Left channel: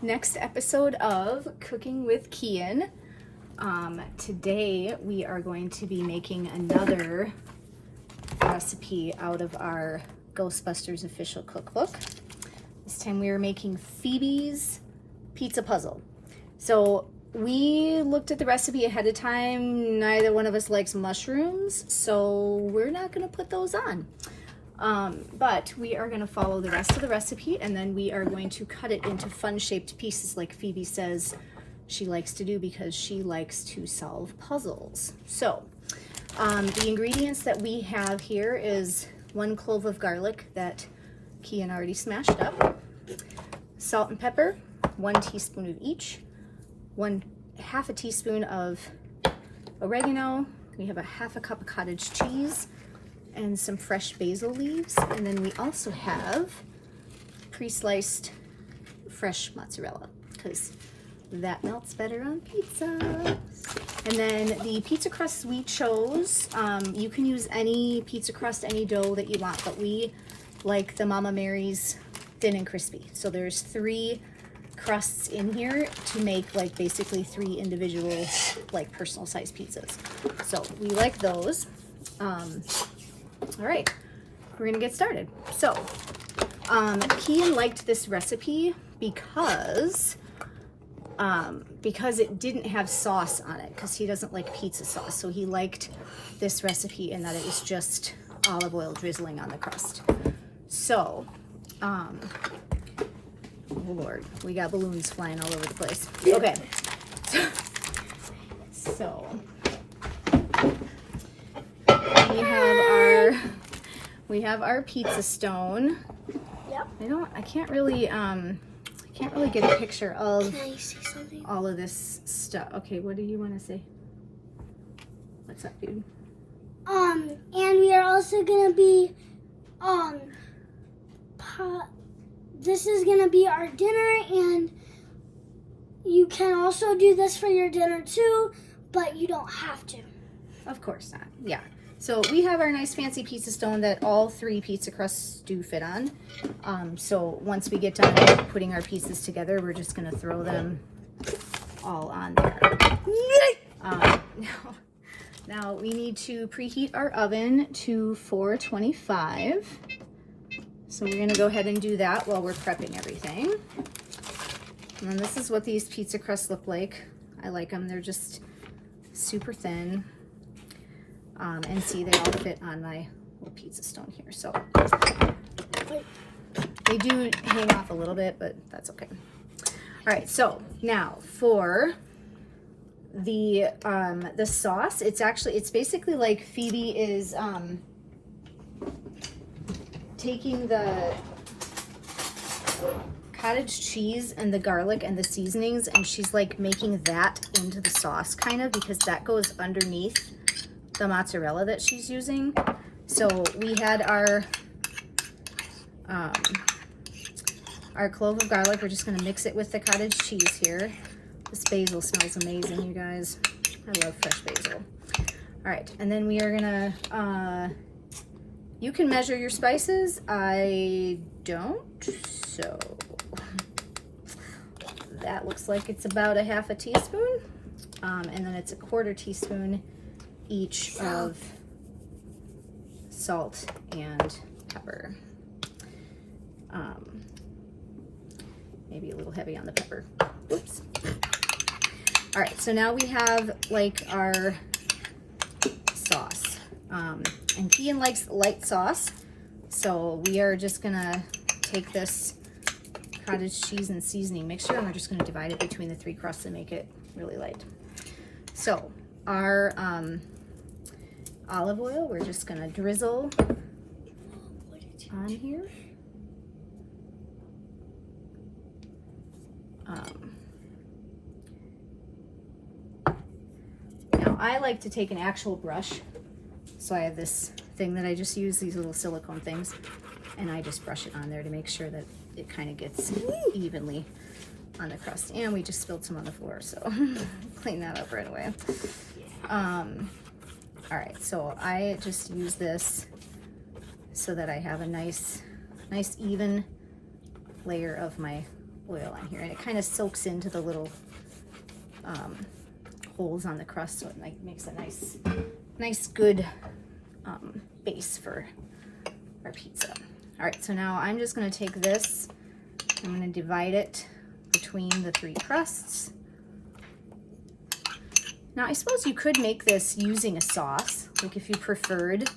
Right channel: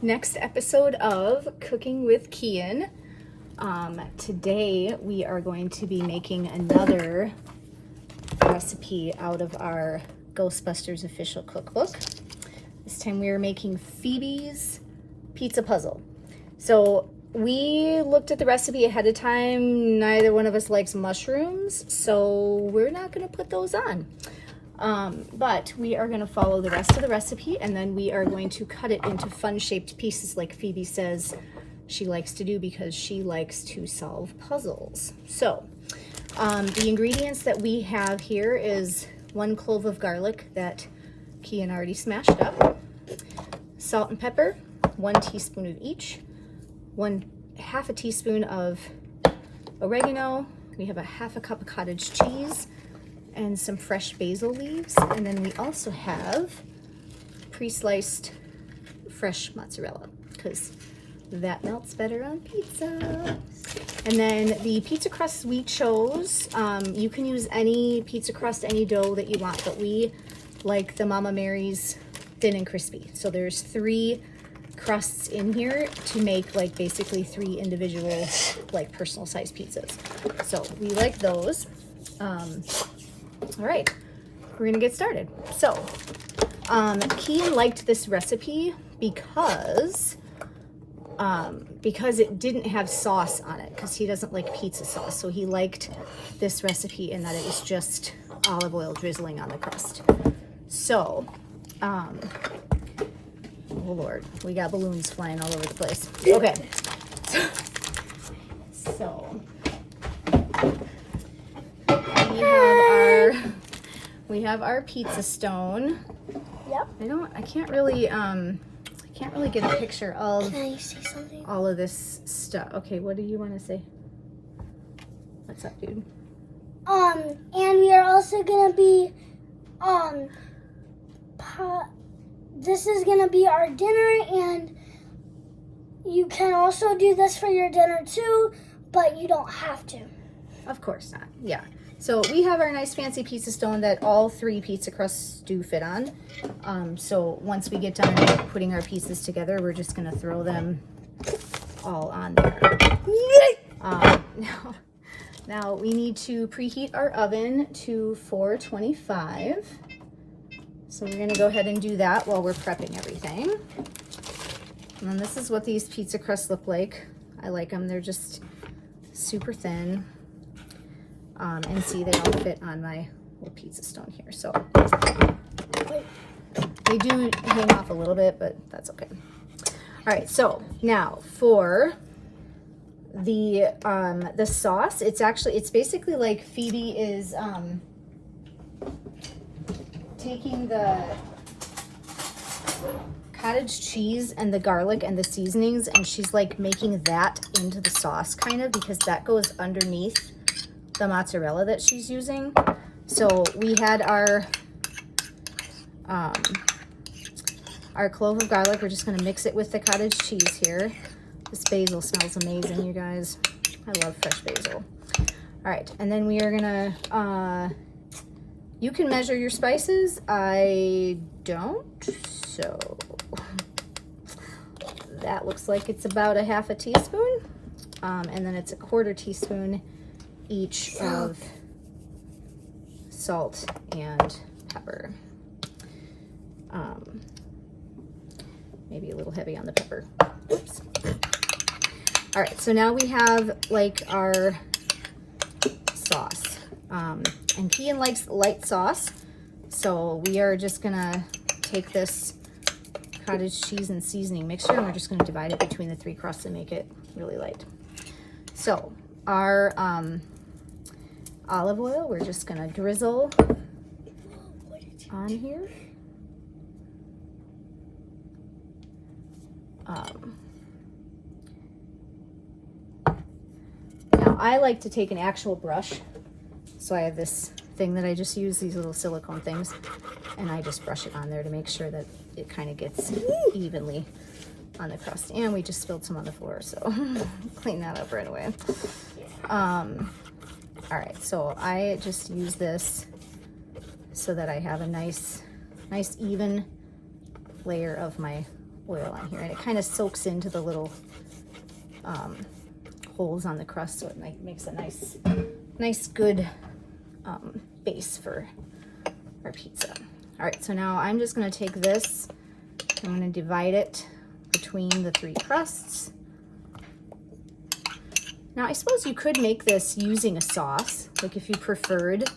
Next episode of Cooking with Kian. Today we are going to be making another recipe out of our Ghostbusters official cookbook. This time we are making Phoebe's pizza puzzle. So we looked at the recipe ahead of time. Neither one of us likes mushrooms, so we're not going to put those on. But we are going to follow the rest of the recipe, and then we are going to cut it into fun-shaped pieces like Phoebe says she likes to do because she likes to solve puzzles. So the ingredients that we have here is 1 clove of garlic that Kian already smashed up, salt and pepper, 1 teaspoon of each, half a teaspoon of oregano. We have a half a cup of cottage cheese and some fresh basil leaves, and then we also have pre-sliced fresh mozzarella because that melts better on pizza. And then the pizza crust we chose, you can use any pizza crust, any dough that you want, but we like the Mama Mary's thin and crispy. So there's 3 crusts in here to make like basically 3 individual like personal size pizzas. So we like those. All right, we're gonna get started. So Kian liked this recipe because it didn't have sauce on it, because he doesn't like pizza sauce. So he liked this recipe in that it was just olive oil drizzling on the crust. So oh Lord, we got balloons flying all over the place. Okay, so we have our pizza stone. Yep. I can't really get a picture of Can I say something? all of this stuff. Okay, what do you want to say? What's up, dude? And we are also gonna be, this is gonna be our dinner, and you can also do this for your dinner too, but you don't have to. Of course not. Yeah. So we have our nice fancy pizza stone that all 3 pizza crusts do fit on. So once we get done putting our pieces together, we're just gonna throw them all on there. Now we need to preheat our oven to 425. So we're gonna go ahead and do that while we're prepping everything. And then this is what these pizza crusts look like. I like them. They're just super thin. And see, they all fit on my little pizza stone here. So they do hang off a little bit, but that's okay. All right, so now for the sauce, it's basically like Phoebe is taking the cottage cheese and the garlic and the seasonings, and she's like making that into the sauce kind of, because that goes underneath the mozzarella that she's using. So we had our clove of garlic. We're just going to mix it with the cottage cheese here. This basil smells amazing, you guys. I love fresh basil. All right, and then we are gonna you can measure your spices. I don't, so that looks like it's about a half a teaspoon, and then it's a 1/4 teaspoon each of salt and pepper. Maybe a little heavy on the pepper. Oops. All right, so now we have like our sauce. And Kian likes light sauce, so we are just gonna take this cottage cheese and seasoning mixture, and we're just gonna divide it between the 3 crusts and make it really light. So our olive oil, we're just gonna drizzle on here. Now I like to take an actual brush, so I have this thing that I just use, these little silicone things, and I just brush it on there to make sure that it kind of gets evenly on the crust. And we just spilled some on the floor, so clean that up right away. All right, so I just use this so that I have a nice even layer of my oil on here, and it kind of soaks into the little holes on the crust, so it makes a nice good base for our pizza. All right, so now I'm just going to take this, I'm going to divide it between the 3 crusts. Now I suppose you could make this using a sauce, like if you preferred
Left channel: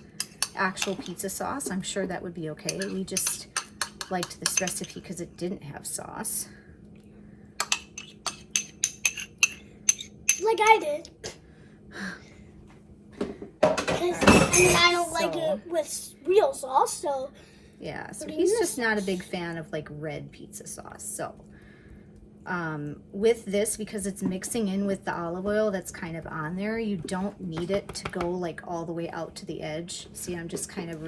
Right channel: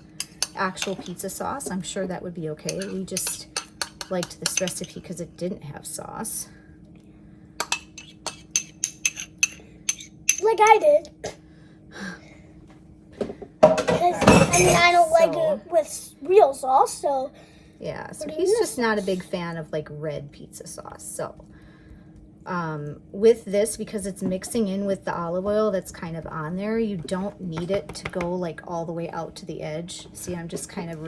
actual pizza sauce, I'm sure that would be okay. We just liked this recipe because it didn't have sauce. Like I did. Because, I don't like it with real sauce, so. Yeah, so he's just not a big fan of like red pizza sauce. So with this, because it's mixing in with the olive oil that's kind of on there, you don't need it to go like all the way out to the edge. See, I'm just kind of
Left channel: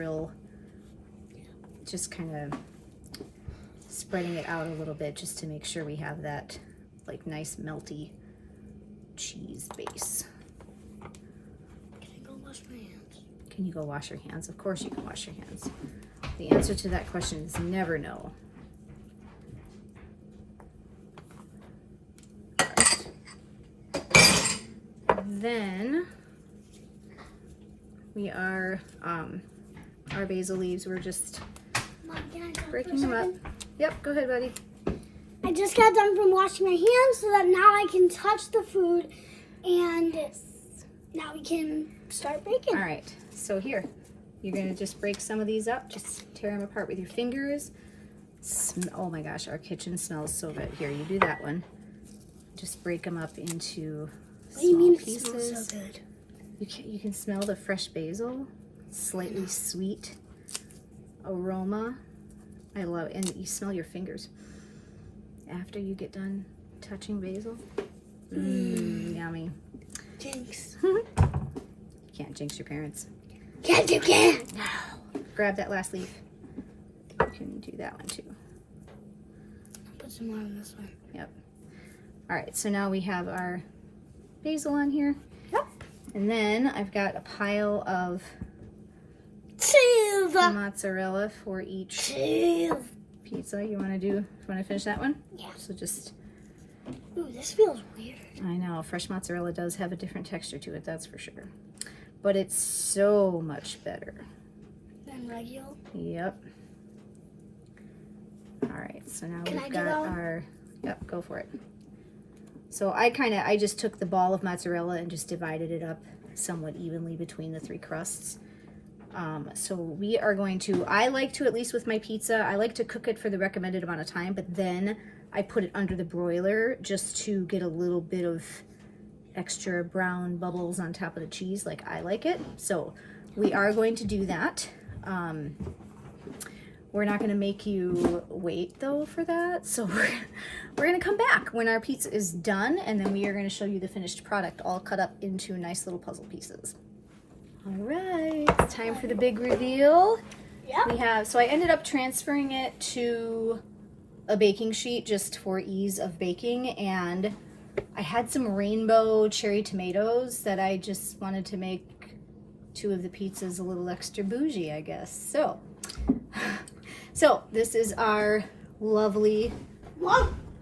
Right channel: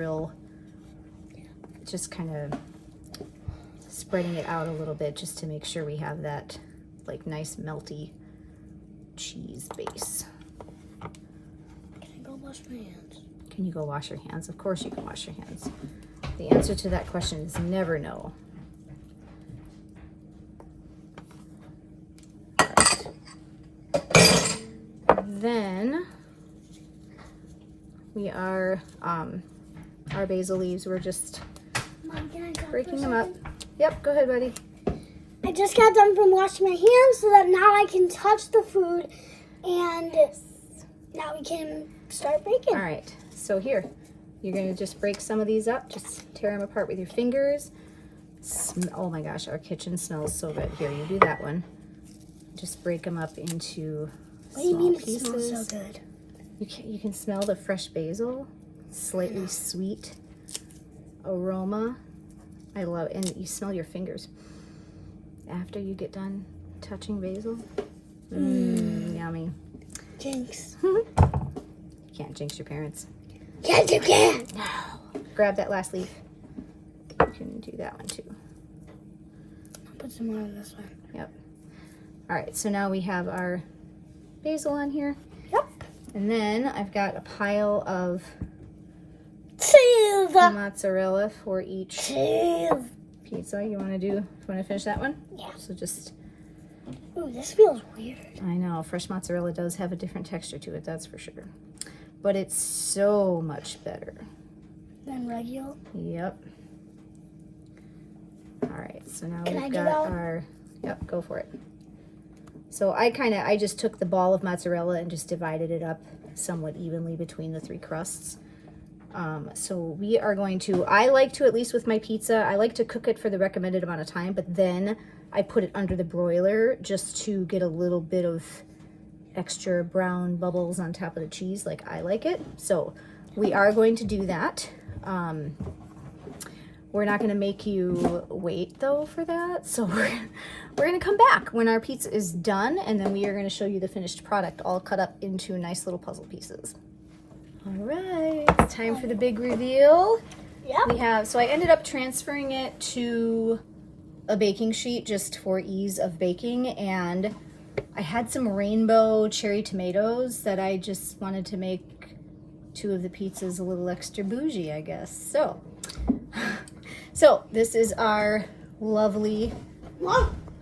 spreading it out a little bit just to make sure we have that like nice melty cheese base. Can I go wash my hands? Can you go wash your hands? Of course you can wash your hands. The answer to that question is never no. Then we are our basil leaves, we're just breaking them up. Yep, go ahead, buddy. I just got done from washing my hands so that now I can touch the food, and now we can start baking. All right, so here, you're gonna just break some of these up, just tear them apart with your fingers. Oh my gosh, our kitchen smells so good. Here, you do that one. Just break them up into What do you mean pieces. it smells so good? You can smell the fresh basil, slightly sweet aroma. I love it. And you smell your fingers after you get done touching basil. Yummy. Jinx. Can't jinx your parents. Yes, you can. Grab that last leaf. You can do that one too. I'll put some more on this one. Yep. All right, so now we have our basil on here. Yep. And then I've got a pile of Cheese. mozzarella for each Cheese. pizza. You want to finish that one? Yeah. So just, Ooh, this feels weird. I know, fresh mozzarella does have a different texture to it, that's for sure. But it's so much better. Then regular. Yep. All right, so now Can I we've do got that? our, yep, go for it. So I just took the ball of mozzarella and just divided it up somewhat evenly between the 3 crusts. So we are going to, I like to, at least with my pizza, I like to cook it for the recommended amount of time, but then I put it under the broiler just to get a little bit of extra brown bubbles on top of the cheese like I like it. So we are going to do that. We're not going to make you wait though for that. So we're going to come back when our pizza is done, and then we are going to show you the finished product all cut up into nice little puzzle pieces. All right, it's time for the big reveal. Yep. So I ended up transferring it to a baking sheet just for ease of baking, and I had some rainbow cherry tomatoes that I just wanted to make 2 of the pizzas a little extra bougie, I guess. So this is our lovely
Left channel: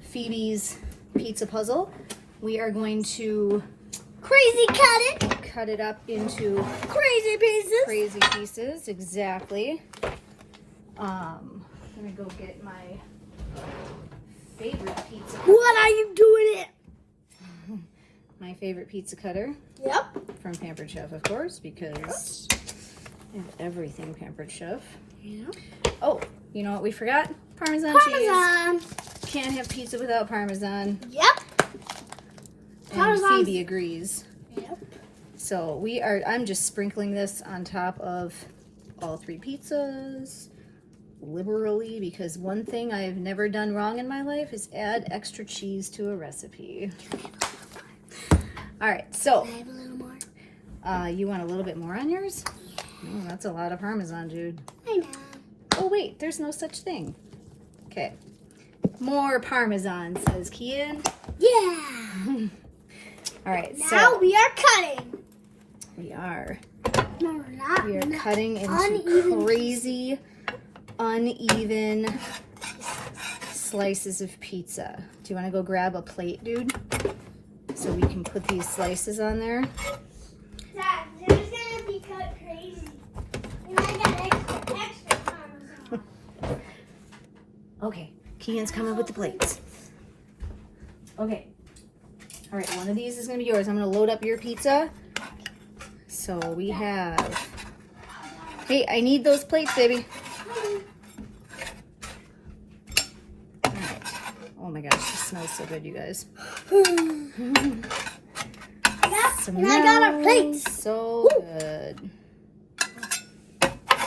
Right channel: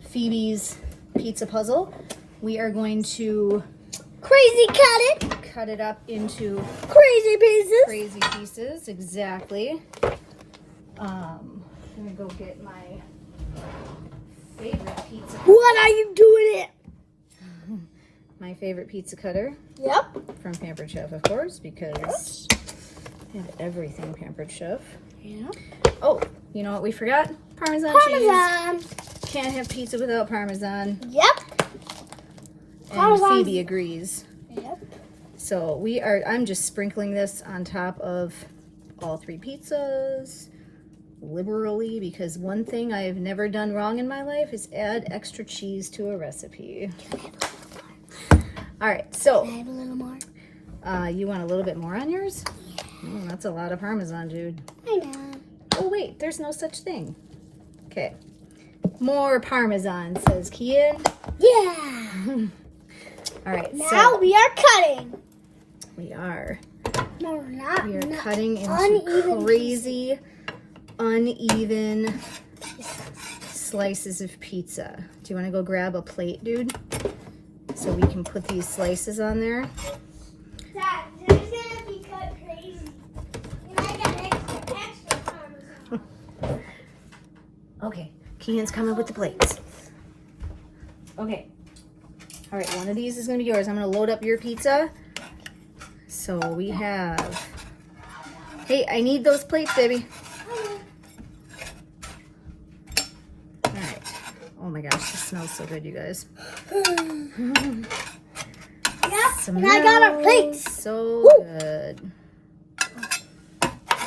Phoebe's pizza puzzle. We are going to cut it up into crazy pieces. Exactly. I'm gonna go get my favorite pizza. What are you doing it? My favorite pizza cutter. Yep. From Pampered Chef, of course, because I have everything Pampered Chef. Yeah. Oh, you know what we forgot? Parmesan cheese. Can't have pizza without Parmesan. Yep. And Parmesan. Phoebe agrees. Yep. So I'm just sprinkling this on top of all 3 pizzas liberally, because one thing I have never done wrong in my life is add extra cheese to a recipe. All right, so Can I have a little more? you want a little bit more on yours? Oh, that's a lot of Parmesan, dude. I know. Oh wait, there's no such thing. Okay, more Parmesan, says Kian. Yeah. All right, Now we are cutting. we are No, we're not. We are Not cutting into uneven crazy, uneven slices of pizza. Do you want to go grab a plate, dude? So we can put these slices on there. Dad, there's gonna be cut crazy. And I got extra parmesan. Okay, Keegan's coming with the plates. Okay. All right, one of these is gonna be yours. I'm gonna load up your pizza. So we have, hey, I need those plates, baby. All right. Oh my gosh, this smells so good, you guys. Yep, and I got our plates. So good.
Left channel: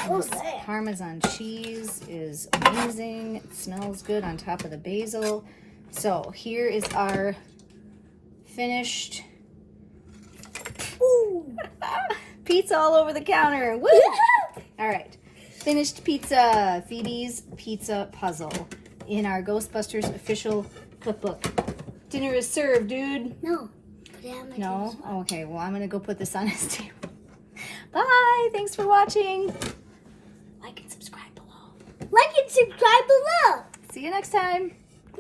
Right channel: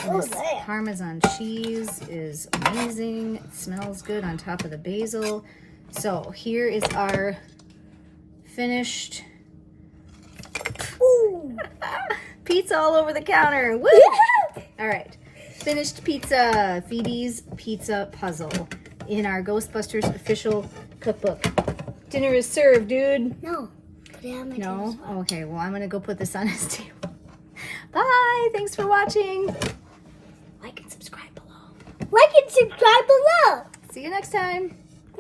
Oh, This Parmesan cheese is amazing. It smells good on top of the basil. So here is our finished pizza all over the counter. Woo! All right, finished pizza. Phoebe's pizza puzzle in our Ghostbusters official cookbook. Dinner is served, dude. No. Put it on my No? table. Okay, well, I'm gonna go put this on his table. Bye. Thanks for watching. Like and subscribe below. Like and subscribe below. See you next time.